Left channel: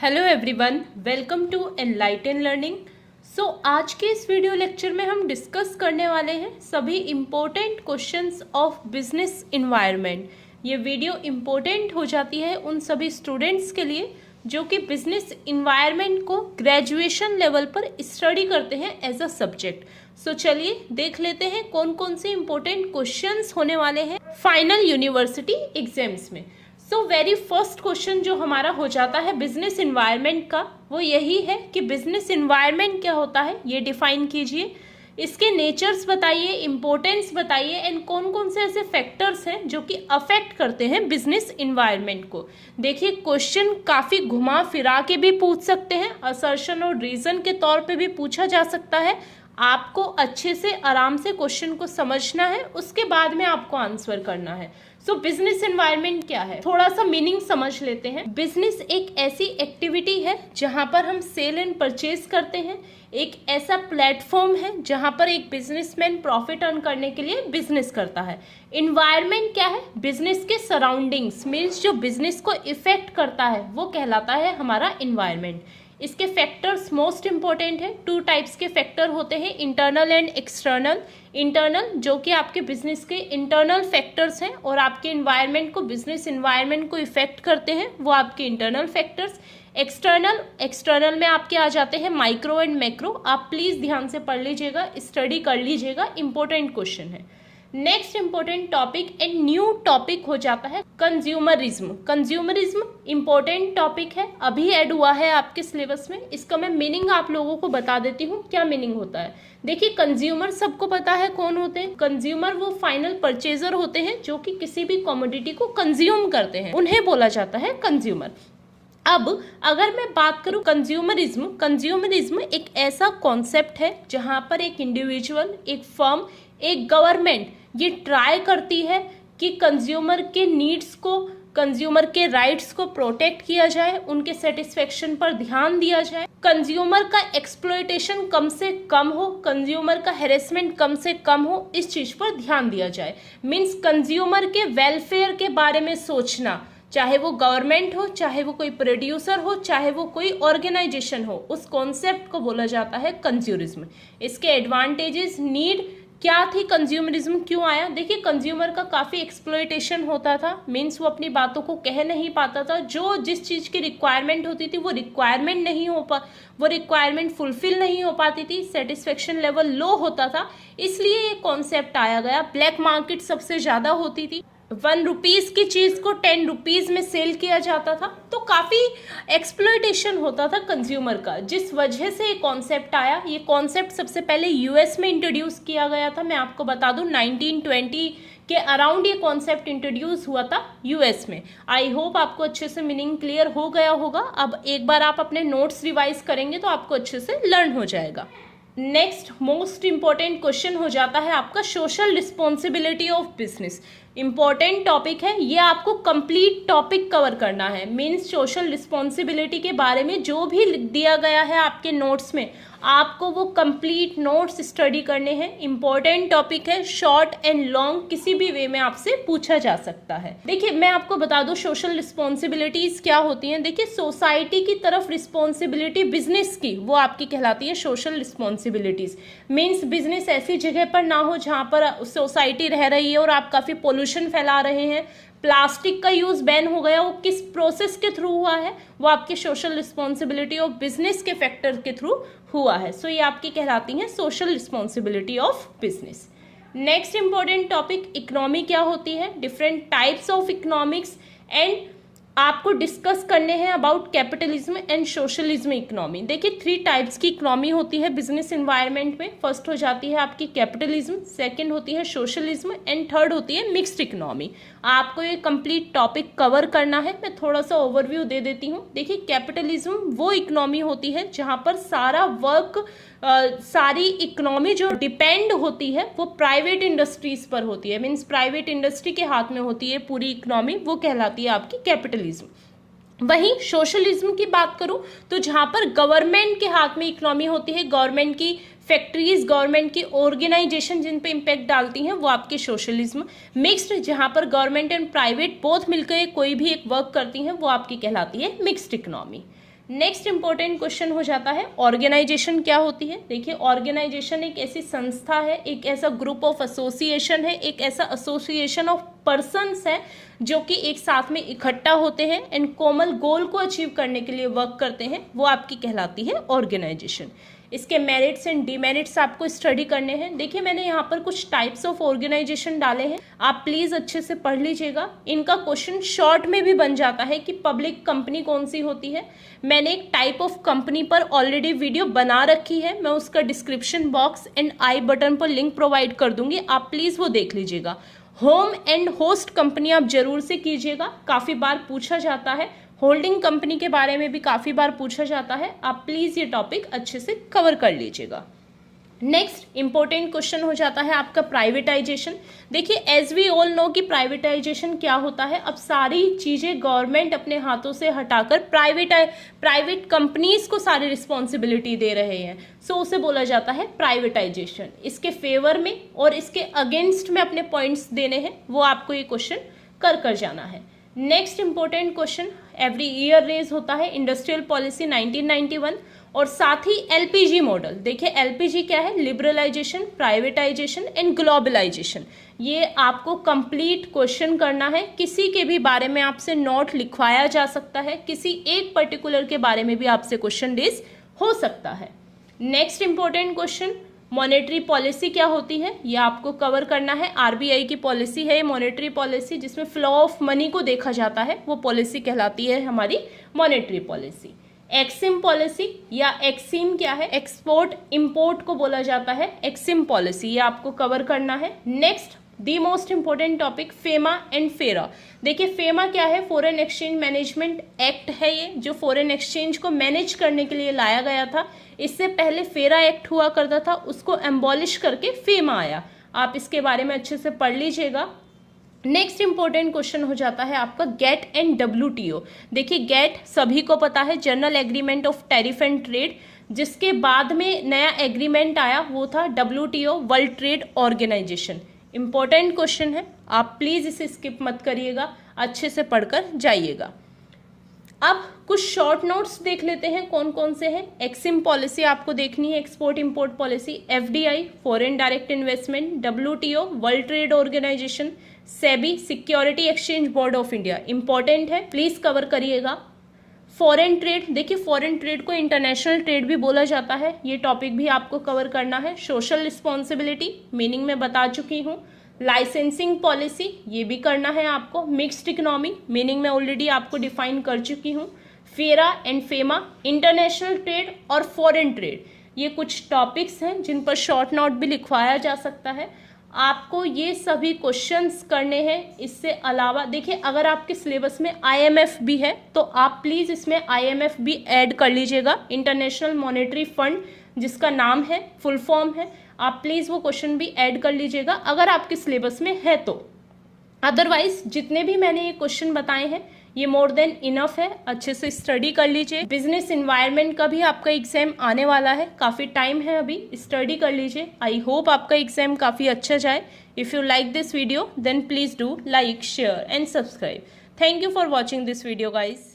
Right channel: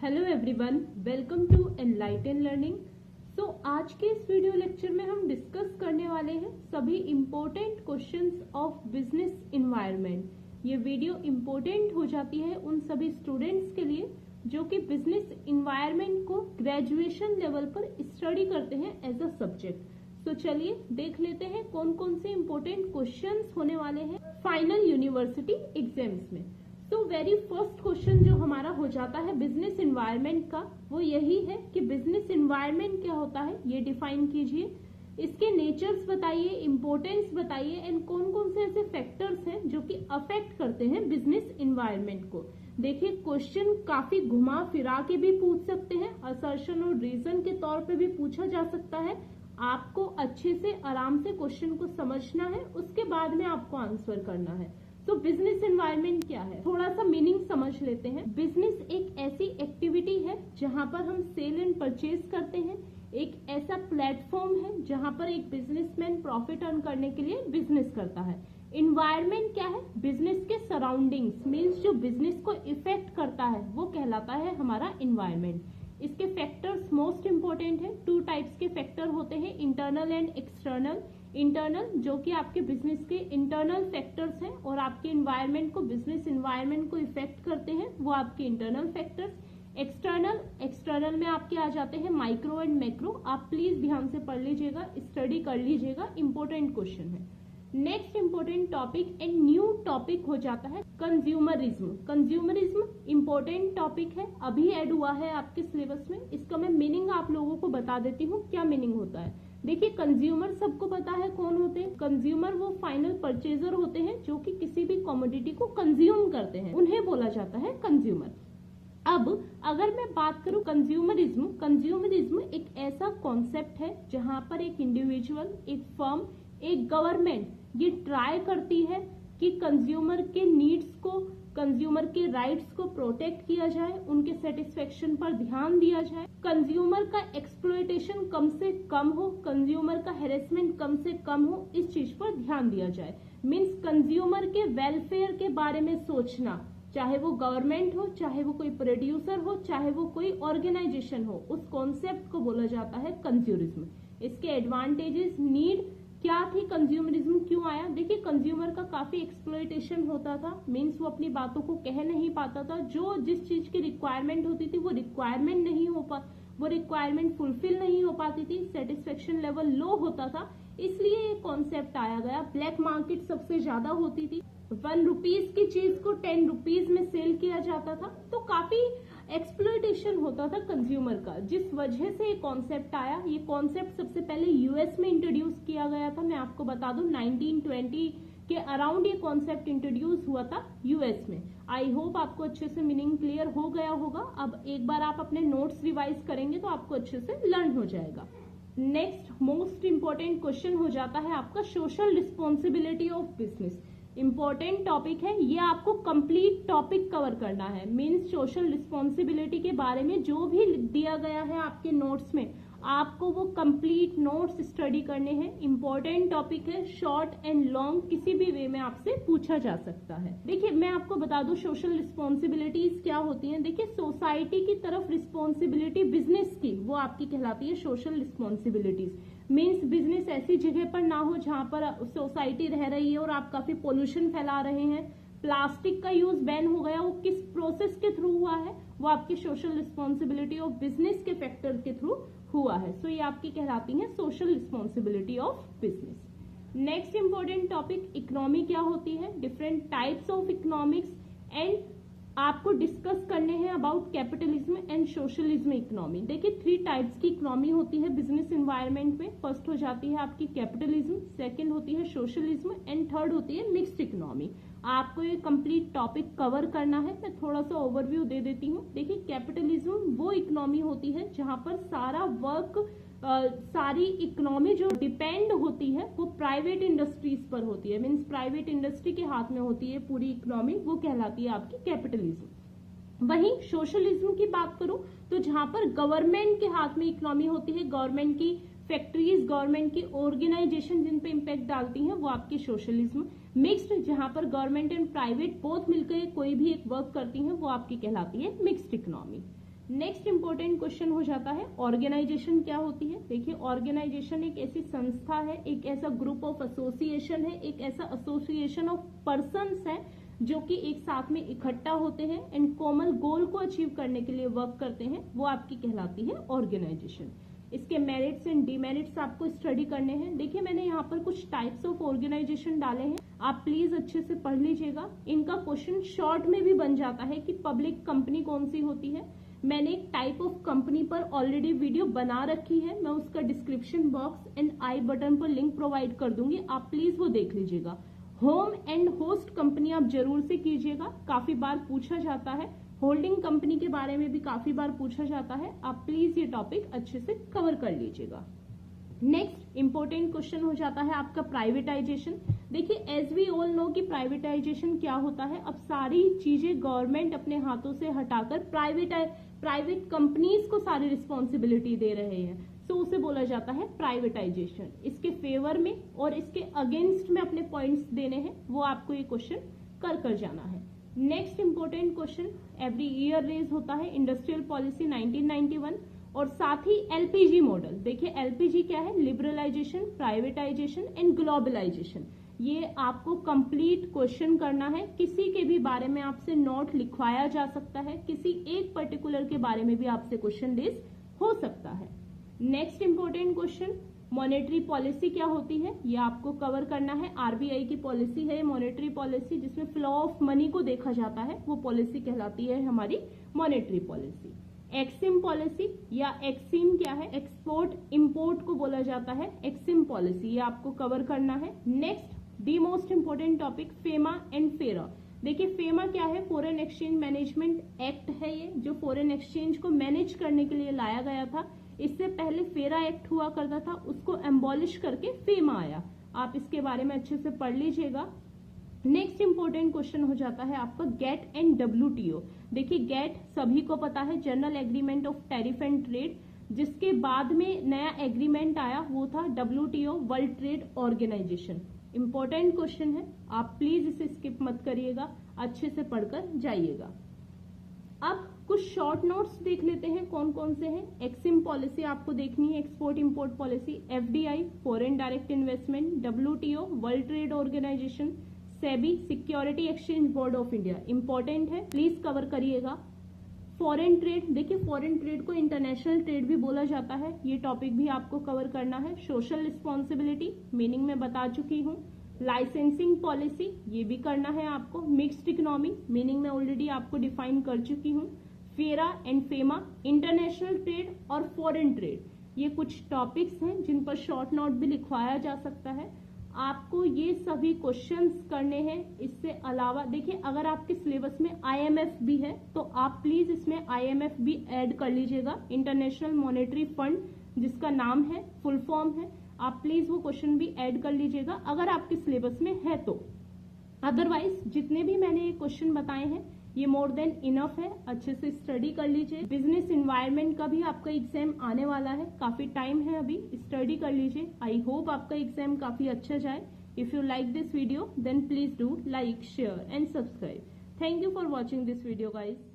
Hello everyone, welcome to Enlighten Learning. आज के इस वीडियो लेक्चर में हम डिस्कस करने वाले हैं सभी important questions of business environment. ये वीडियो इम्पोर्टेंट हो जाती है उन सभी स्टूडेंट्स के लिए जो कि बिजनेस इन्वायरमेंट को ग्रेजुएशन लेवल पर स्टडी करते हैं एज अ सब्जेक्ट। चलिए देख लेते हैं कौन कौन से इम्पोर्टेंट क्वेश्चंस होने वाले हैं फाइनल यूनिवर्सिटी एग्जाम्स में। वेरी फर्स्ट क्वेश्चन जो हमारा हो जाता है बिजनेस इन्वायरमेंट का, वो यही है कि बिजनेस इन्वायरमेंट क्या होता है, ये डिफाइन कीजिए, इसके नेचर्स बताइए, इम्पोर्टेंस बताइए एंड कौन कौन से ऐसे फैक्टर्स हैं जो कि अफेक्ट करते हैं बिजनेस इन्वायरमेंट को। देखिए क्वेश्चन काफ़ी घुमा फिरा के भी पूछ सकते हैं, असर्शन और रीजन के तौर पे भी पूछा जा सकता है। आपको अच्छे से आराम से क्वेश्चन को समझना है, उसके बाद में आपको आंसर करना है। बिजनेस एनवायरनमेंट क्या है, थोड़ा सा मीनिंग समझ लेते हैं। बिजनेस एक ऐसी एक्टिविटी है जहां पर हम सेल एंड परचेज करते हैं, एक ऐसा प्लेटफॉर्म है जहां पर एक बिजनेसमैन प्रॉफिट अर्न करने के लिए बिजनेस करता है। इन्वायरमेंट क्या है, बिजनेस के सराउंडिंग्स मीन्स जो बिजनेस को इफेक्ट करता है वो कहलाता है हमारा इन्वायरमेंट। इसके फैक्टर्स मोस्ट इंपॉर्टेंट है, टू टाइप्स के फैक्टर होते हैं, इंटरनल एंड एक्सटर्नल। इंटरनल जो कि आपके बिजनेस के इंटरनल फैक्टर्स हैं और आपके इन्वायरमेंट को, बिजनेस इन्वायरमेंट को इफेक्ट करते हैं, वो आपके इंटरनल फैक्टर्स। एक्सटर्नल में आपके आ जाते हैं माइक्रो एंड मैक्रो। आप प्लीज़ ध्यान से पढ़ लीजिएगा, स्टडी कर लीजिएगा, इंपॉर्टेंट क्वेश्चन है। Next important topic and new topic हो जाता है कंज्यूमरिज्म। कंज्यूमरिज्म इंपॉर्टेंट टॉपिक है, अभी ऐड हुआ है आपके सिलेबस में। इसका मैं मीनिंग आप लोगों को बता देती हूँ, क्या मीनिंग होता है। देखिए कंज्यूमर सबको पता है कौन होते हैं। कंज्यूमर वो फाइनल परचेजर होते हैं जो कि किसी भी कमोडिटी को कंज्यूम करते हैं, उन्हें बोला जाता है कंज्यूमर। अब अगर मैं बात करूं कंज्यूमरिज्म एक ऐसा कॉन्सेप्ट है जहां पर एक इंडिविजुअल, एक फर्म, एक गवर्नमेंट ये ट्राई करती है कि कंज्यूमर के नीड्स को, कंज्यूमर के राइट्स को प्रोटेक्ट किया जाए, उनके सेटिस्फेक्शन पर ध्यान दिया जाए, कंज्यूमर का एक्सप्लॉयटेशन कम से कम हो, कंज्यूमर का हेरेसमेंट कम से कम हो, इस चीज पर ध्यान दिया जाए। मीन्स कंज्यूमर के वेलफेयर के बारे में सोचना, चाहे वो गवर्नमेंट हो, चाहे वो कोई प्रोड्यूसर हो, चाहे वो कोई ऑर्गेनाइजेशन हो, उस कॉन्सेप्ट को बोला जाता है कंज्यूमरिज्म। इसके एडवांटेजेस, नीड क्या थी, कंज्यूमरिज्म क्यों आया। देखिए कंज्यूमर का काफ़ी एक्सप्लॉयटेशन होता था, मीन्स वो अपनी बातों को कह नहीं पाता था, जो जिस चीज़ की रिक्वायरमेंट होती थी वो रिक्वायरमेंट नहीं हो वो रिक्वायरमेंट फुलफिल नहीं हो पाती थी, सेटिस्फेक्शन लेवल लो होता था, इसलिए ये कॉन्सेप्ट आया गया। ब्लैक मार्केट सबसे ज़्यादा होती थी, 1 रुपीज़ की चीज़ को 10 रुपीज़ में सेल किया जाता था, तो काफ़ी एक्सप्लॉयटेशन होता था कंज्यूमर का, जिस वजह से ये कॉन्सेप्ट आया। ये कॉन्सेप्ट सबसे पहले यूएस में इंट्रोड्यूस किया गया था। मैं आपको बता दूं 1920 के अराउंड ये कॉन्सेप्ट इंट्रोड्यूस हुआ था यूएस में। आई होप आपको अच्छे से मीनिंग क्लियर हो गया होगा। अब एक बार आप अपने नोट्स रिवाइज करेंगे तो आपको अच्छे से लर्न हो जाएगा। नेक्स्ट मोस्ट इंपॉर्टेंट क्वेश्चन हो जाता है आपका social responsibility of business. Important topic है ये, आपको कंप्लीट टॉपिक कवर करना है। मीन्स सोशल रिस्पॉन्सिबिलिटी के बारे में जो भी दिया गया है आपके नोट्स में, आपको वो कंप्लीट नोट्स स्टडी करने हैं। इंपॉर्टेंट टॉपिक है, शॉर्ट एंड लॉन्ग किसी भी वे में आपसे पूछा जा सकता है। देखिए मैं आपको बता दूं सोशल रिस्पॉन्सिबिलिटीज क्या होती हैं। देखिए सोसाइटी की तरफ रिस्पॉन्सिबिलिटी बिजनेस की, वो आपकी कहलाती है सोशल रिस्पॉन्सिबिलिटीज। मीन्स बिजनेस ऐसी जगह पर ना हो जहाँ पर सोसाइटी रह रही है और आप काफ़ी पोल्यूशन फैला रहे हैं, प्लास्टिक का यूज़ बैन हो गया, वो किस प्रोसेस के थ्रू हुआ है, वो आपके सोशल रिस्पॉन्सिबिलिटी ऑफ बिजनेस के फैक्टर के थ्रू हुआ है। ये आपकी कहलाती हैं social responsibility of business. Next important topic economy क्या होती है, different types of economics, and आपको डिस्कस करने हैं about capitalism and socialism economy. देखिए 3 टाइप्स की इकोनॉमी होती है बिजनेस इन्वायरमेंट में। फर्स्ट हो जाती है आपकी कैपिटलिज्म, सेकंड होती है सोशलिज्म एंड थर्ड होती है मिक्स्ड इकोनॉमी। आपको ये कंप्लीट टॉपिक कवर करना है। मैं थोड़ा सा ओवरव्यू दे देती हूँ। देखिए कैपिटलिज्म वो इकोनॉमी होती है जहाँ पर सारा वर्क, सारी इकोनॉमी जो डिपेंड होती है वो प्राइवेट इंडस्ट्रीज पर होती है। मीन्स प्राइवेट इंडस्ट्री के हाथ में होती है पूरी इकोनॉमी, वो कहलाती है आपकी कैपिटलिज्म। वहीं सोशलिज्म की बात करूं तो जहां पर गवर्नमेंट के हाथ में इकोनॉमी होती है, गवर्नमेंट की फैक्ट्रीज, गवर्नमेंट की ऑर्गेनाइजेशन जिन पे इम्पैक्ट डालती हैं, वो आपके सोशलिज्म। मिक्स्ड जहां पर गवर्नमेंट एंड प्राइवेट बोथ मिलकर कोई भी एक वर्क करती हैं, वो आपकी कहलाती है mixed economy. Next important question हो जाता है ऑर्गेनाइजेशन क्या होती है। देखिए ऑर्गेनाइजेशन एक ऐसी संस्था है, एक ऐसा ग्रुप ऑफ एसोसिएशन है, एक ऐसा एसोसिएशन ऑफ पर्सन्स है जो कि एक साथ में इकट्ठा होते हैं एंड कॉमन गोल को अचीव करने के लिए वर्क करते हैं, वो आपकी कहलाती है ऑर्गेनाइजेशन। इसके मेरिट्स एंड डीमेरिट्स आपको स्टडी करने हैं। देखिए मैंने यहाँ पर कुछ टाइप्स ऑफ ऑर्गेनाइजेशन डाले हैं, आप प्लीज़ अच्छे से पढ़ लीजिएगा। इनका क्वेश्चन शॉर्ट में भी बन जाता है कि पब्लिक कंपनी कौन सी होती है। मैंने एक टाइप ऑफ कंपनी पर ऑलरेडी वीडियो बना रखी है, मैं उसका description box and I button पर लिंक प्रोवाइड कर दूंगी, आप प्लीज़ वो देख लीजिएगा। होम एंड होस्ट कंपनी आप जरूर से कीजिएगा, काफ़ी बार पूछा जाता है। होल्डिंग कंपनी के बारे में भी काफ़ी बार पूछा जाता है, आप प्लीज़ ये टॉपिक अच्छे से कवर कर लीजिएगा। नेक्स्ट इंपॉर्टेंट क्वेश्चन हो जाता है आपका प्राइवेटाइजेशन। देखिए एज वी ऑल नो कि प्राइवेटाइजेशन क्या होता है। अब सारी चीज़ें गवर्नमेंट अपने हाथों से हटाकर प्राइवेट कंपनीज को सारी रिस्पॉन्सिबिलिटी दे रहे हैं, सो उसे बोला जाता है प्राइवेटाइजेशन। इसके फेवर में और इसके अगेंस्ट में अपने पॉइंट्स देने हैं, वो आपको ये क्वेश्चन कर जाना है। Next important question every year raise होता है इंडस्ट्रियल पॉलिसी 1991 और साथ ही एलपीजी मॉडल। देखिए एलपीजी क्या है, लिबरलाइजेशन, प्राइवेटाइजेशन एंड ग्लोबलाइजेशन। ये आपको कंप्लीट क्वेश्चन करना है, किसी के भी बारे में आपसे नोट लिखवाया जा सकता है, किसी एक पर्टिकुलर के बारे में भी आपसे क्वेश्चन रेज हो सकता है। Next important question monetary policy क्या होती है, ये आपको कवर करना है। आरबीआई की पॉलिसी है मॉनेटरी पॉलिसी, जिसमें फ्लो ऑफ मनी को देखा जाता है, वो पॉलिसी कहलाती है हमारी मॉनेटरी पॉलिसी। एक्सिम पॉलिसी या एक्सिम क्या है, एक्सपोर्ट इंपोर्ट को बोला जाता है एक्सिम पॉलिसी, ये आपको कवर करना है। Next the most important topic FEMA and फेरा। देखिए फेमा क्या है, फॉरेन एक्सचेंज मैनेजमेंट एक्ट है ये, जो फॉरेन एक्सचेंज को मैनेज करने के लिए लाया गया था। इससे पहले फेरा एक्ट हुआ करता था, उसको एम्बॉलिश करके फेमा आया। आप इसके बारे में अच्छे से पढ़ लीजिएगा। नेक्स्ट इंपॉर्टेंट क्वेश्चन हो जाता है आपका गेट एंड डब्ल्यूटीओ। देखिए गेट सभी को पता है, general agreement of tariff and trade, जिसके बाद में नया एग्रीमेंट आया वो था WTO, world trade organisation. Important question है, आप प्लीज़ इसे स्किप मत करिएगा, अच्छे से पढ़कर जाइएगा। अब कुछ शॉर्ट नोट्स देख लेते हैं कौन कौन से हैं। एक्सिम पॉलिसी आपको देखनी है, export import policy, FDI foreign direct investment, WTO world trade organisation, SEBI security exchange board of India. Important है, प्लीज कवर करिएगा। फॉरेन ट्रेड, देखिए फॉरेन ट्रेड को इंटरनेशनल ट्रेड भी बोला जाता है, ये टॉपिक भी आपको कवर करना है। सोशल रिस्पॉन्सिबिलिटी मीनिंग में बता चुकी हूँ। लाइसेंसिंग पॉलिसी ये भी करना है आपको। मिक्स्ड इकोनॉमी मीनिंग में ऑलरेडी आपको डिफाइन कर चुकी हूँ। फेरा एंड फेमा, इंटरनेशनल ट्रेड और फॉरेन ट्रेड, ये कुछ टॉपिक्स हैं जिन पर शॉर्ट नोट भी लिखवाया जा सकता है। आपको ये सभी क्वेश्चंस करने हैं। इससे अलावा देखिए अगर आपके सिलेबस में आईएमएफ भी है तो आप प्लीज़ इसमें आईएमएफ भी ऐड कर लीजिएगा, इंटरनेशनल मॉनेटरी फंड जिसका नाम है, फुल फॉर्म है, आप प्लीज़ वो क्वेश्चन भी ऐड कर लीजिएगा अगर आपके सिलेबस में है तो। अदरवाइज जितने भी मैंने ये क्वेश्चन बताए हैं ये मोर देन इनफ है, अच्छे से स्टडी कर लीजिए। बिजनेस इन्वायरमेंट का भी आपका एग्जाम आने वाला है, काफ़ी टाइम है अभी, स्टडी कर लीजिए। आई होप आपका एग्जाम काफ़ी अच्छा जाए। If you like this video then please do like, share and subscribe. Thank you for watching this video guys.